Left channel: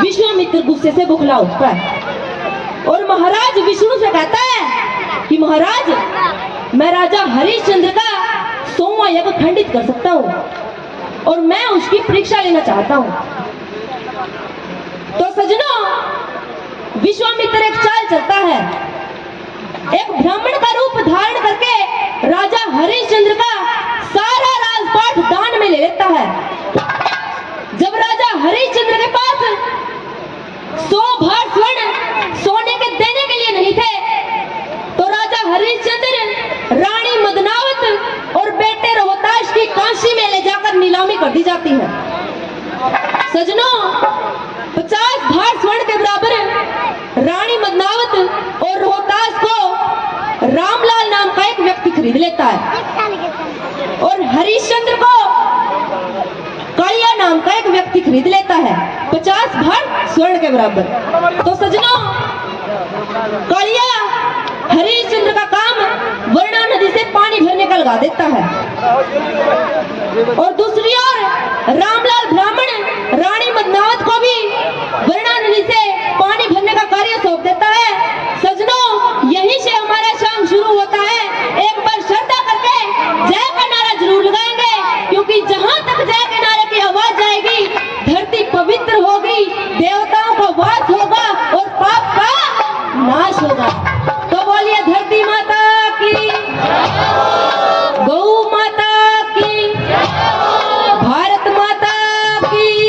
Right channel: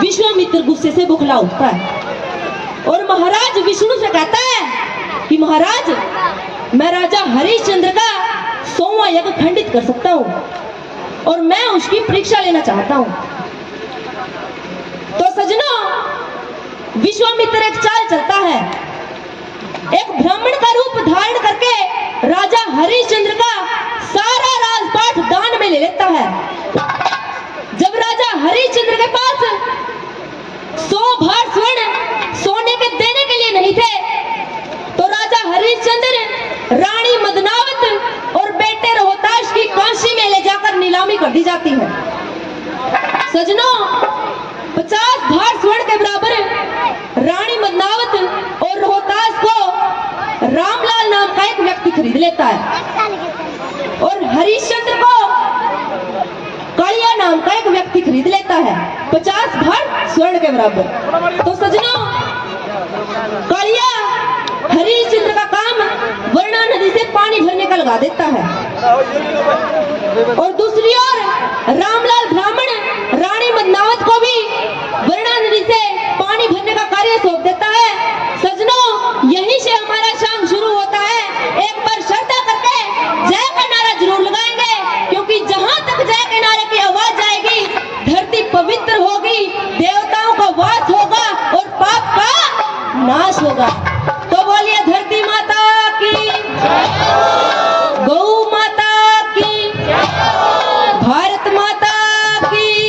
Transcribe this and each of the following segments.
विश्वामित्र गुस्से से बुखला उठता है और महाराज विष्णु से कहता है कि महाराज, मैं राजा हरिश्चंद्र का 100वां यज्ञ खंडित कर सकता हूँ और मैं उसकी परीक्षा लेना चाहता हूँ। तो सजनों, विश्वामित्र एक चाल चलता है, एक ब्राह्मण का रूप धारण करके राजा हरिश्चंद्र का सारा राजपाट दान में ले लेता है। जब राजा हरिश्चंद्र के पास 100 भार स्वर्ण सोने के देने के लिए नहीं थे, तो राजा हरिश्चंद्र रानी मदनावत और बेटे रोहताश की कांशी में ले जाकर नीलामी कर दी जाती है। सजनों, 50 भार स्वर्ण के बराबर रानी मदनावत और रोहतास को रामलाल नाम का एक व्यक्ति खरीद लेता है और हरिश्चंद्र को कालिया नाम का एक व्यक्ति खरीद लेता है 50 भार स्वर्ण के बराबर। तो सजनों, कालिया हरिश्चंद्र का काम वर्णा नदी से पानी भरने का लगा देता है और दूसरी ओर रामलाल ब्राह्मण रानी मदनावत को भी वर्णा नदी से पानी भरने का कार्य सौंप देता है। सजनों, यहीं से हमारा शाम शुरू होता है। एक बार श्रद्धा करके जय का नारा जरूर लगाएंगे, क्योंकि जहां तक जय के नारे की आवाज जाएगी, धरती पवित्र होगी, देवताओं का वास होगा और पाप का नाश होगा। तो बोलिए धरती माता की, गौ माता की, भारत माता की।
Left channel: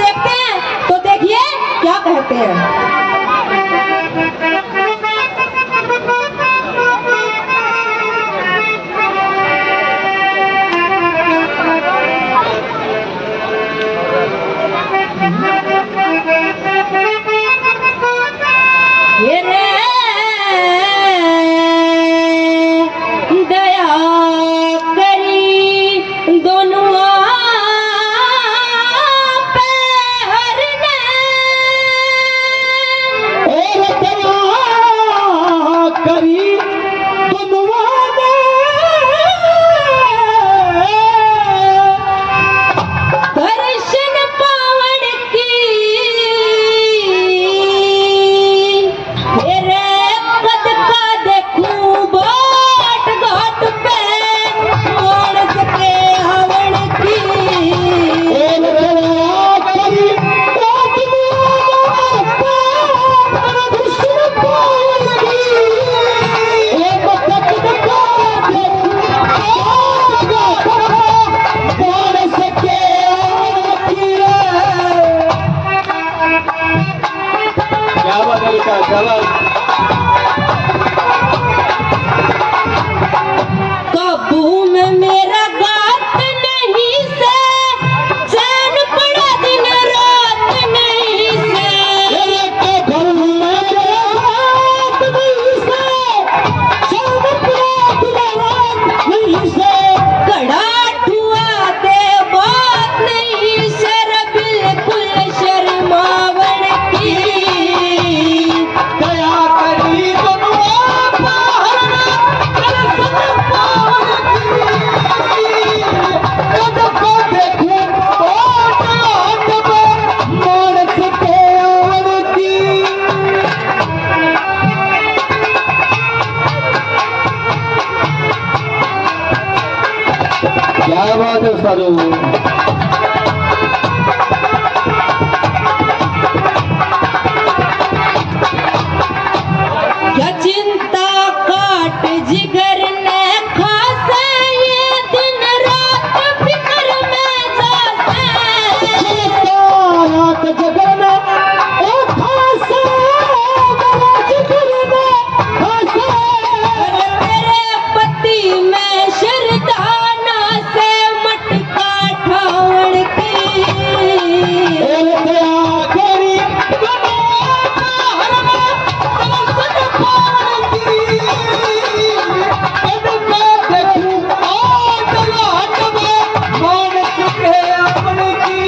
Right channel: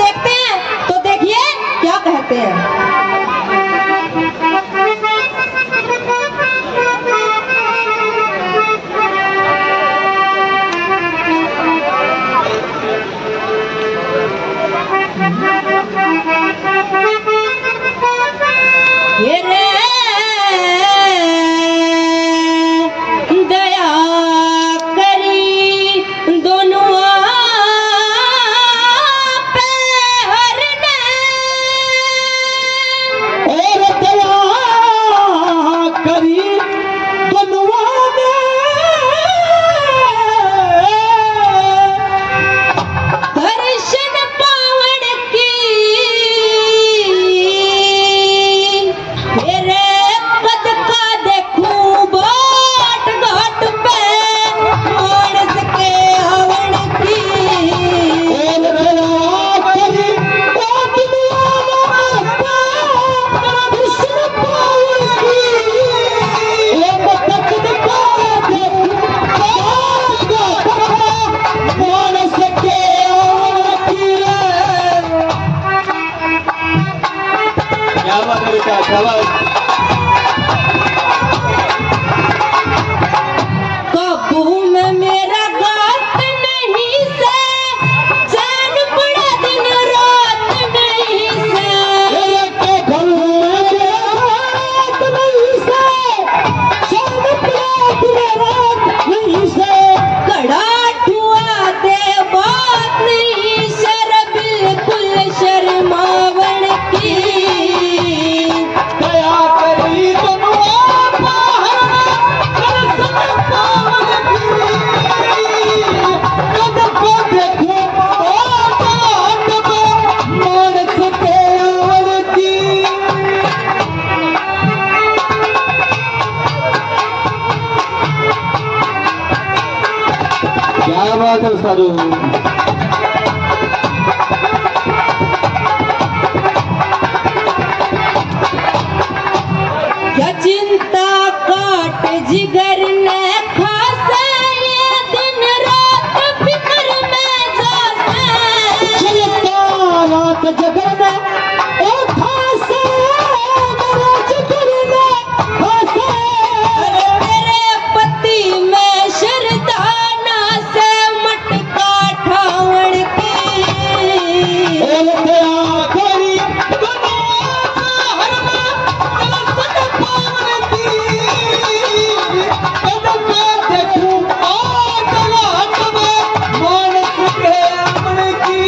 देखते हैं तो देखिए क्या कहते हैं। ये रे दया करी दोनों पे हरने और दया करी दोनों ने दर्शन पावन की मेरे कद का देखूं बाट घाट पे मानस के हवन की और दया करी दर्शन पावन की और कद का मानस के क्या बात है बेटा, क्या बात। काबू में मेरा गात नहीं से चैन पड़ा दिन रात नहीं से मेरे के घर में मेरा हाथ नहीं से, शाम रात नहीं से, कड़ा ठुआ दे बात नहीं शर बिल्कुल शर्मावन की दया करी दोनों पावन दर्शन पावन की, कद को देखो बाट मानस के हवन की। क्या बात है सारू। क्या चिंता काट जिगर ने खासे ये दिन रात फिक्र में जाते चलता रात जगर में ओ खासा मेरे जिगर में खासा। तेरे पति में शरदाना से मटका ठावण की और दया करी दोनों दर्शन पावन की, कद को देखूं बाट घाट में मानस के हवन की।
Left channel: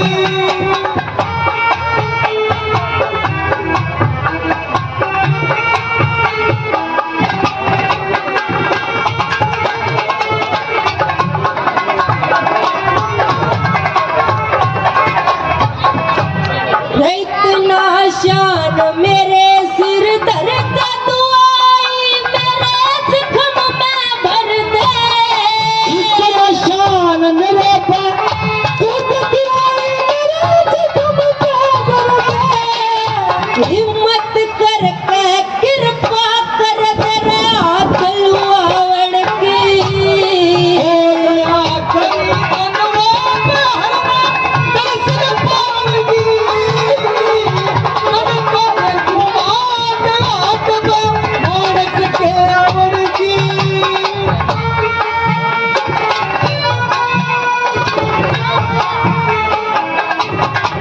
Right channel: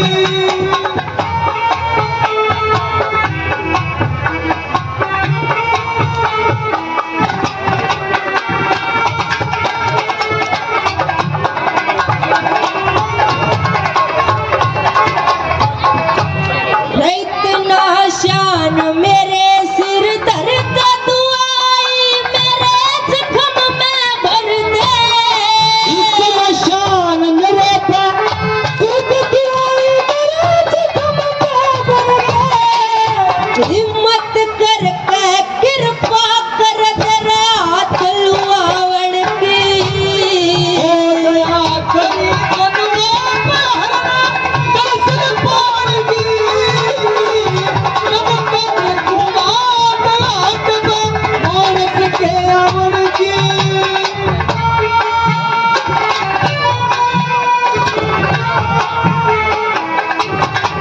इतना शान मेरे सिर दर्द दुआई मेरे जख्म में भर दे इतना शान मेरे पर खुद दिलाई मेरे जख्म पे भर दे। हिम्मत करके कृपा कर मेरे हाथ लुआवण की और दया करी दोनों पावन दर्शन पावन की, कद को देखूं बाट घाट में मानस के हवन की।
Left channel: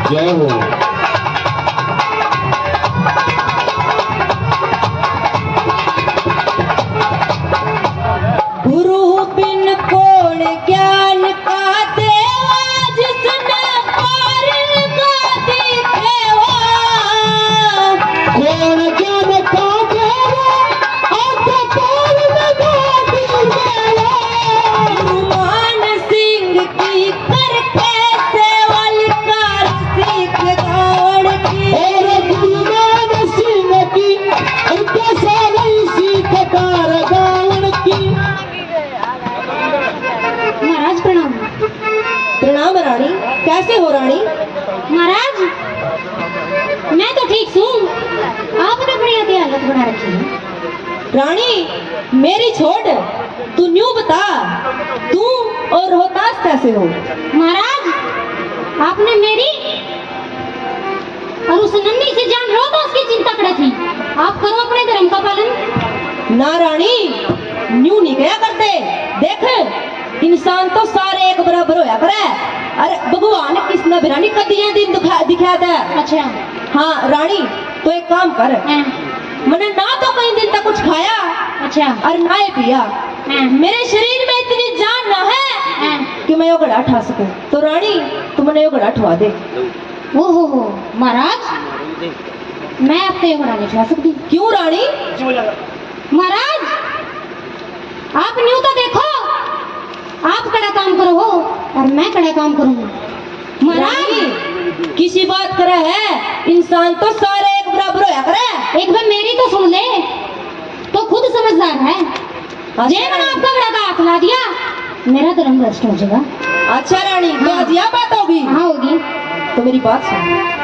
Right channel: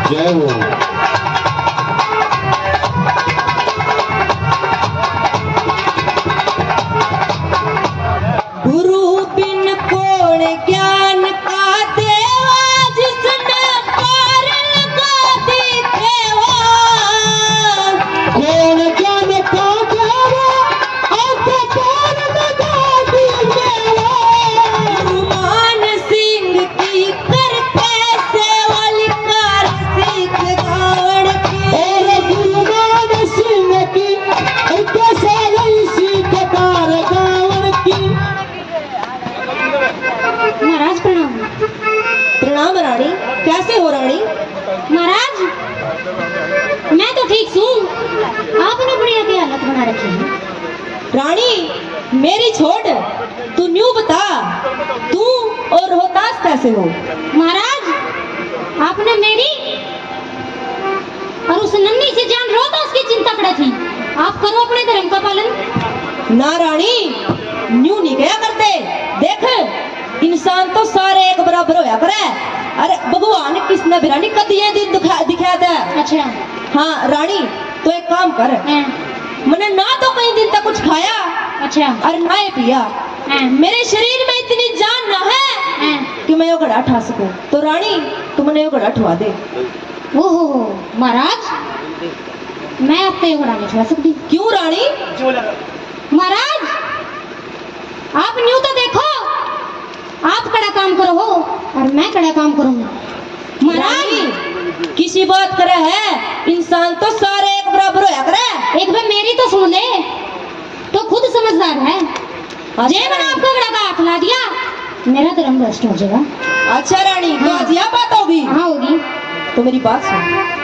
जय हो। गुरु बिन कौन ज्ञान का देवा जिसने पार लगा दिखेवा कौन ज्ञान का देवा आगे पार लगा देवा। हनुमान सिंह की करके सेवल कार सीख गावण की और गुरुनानक सिंह की उनके सारे सीख कार गावन की। महाराज प्रणाम। प्रणाम रानी। कैसे हो रानी? महाराज मैं तो ठीक हूँ, आपने बड़ी अति हालत बना रखी है। रानी मेरी छोड़, तू न्यू बता तू और रोहतास कैसे हो? महाराज आपने मेरी उस नन्ही से जान लो तो उसकी चिंता करे थी। आप करो अपने धर्म का पालन। ना रानी, न्यू नहीं कया करते। देख, इंसान तो सारे एक बराबर होया करे। अरे भगवान किसने भी रानी कदी ये दिन दिखा दे। अच्छा। हाँ रानी, तो एक काम कर, हाँ, मैंने ना तो कई दिन तक कुछ खाया अच्छा। और ना ही पिया। हाँ, मेरे शरीर में इतनी जान ना है हाँ। कि मैं ये घड़ा उठा सकूं। तो रानी, तू मुझे ये घड़ा उठवा दे। ओहो महाराज, मैं आपको ये घड़ा नहीं उठा सकती। क्यों रानी? महाराज, आप न्यू तो देखो, आप कड़ा काम करो हो और मैं कड़ा काम करूंगी। महाराज, रानी, किसी बात करे है, इंसान तो सारे एक बराबर होया करे। एक बार मेरी तो सुन ले, तो खुद समझदार है। जे मैंने आपका घड़ा का हाथ ला दिया, मेरा धर्म भ्रष्ट हो जाएगा। अच्छा रानी, तो आज यह बात होगी। हाँ होगी। तो मेरी बात सुन।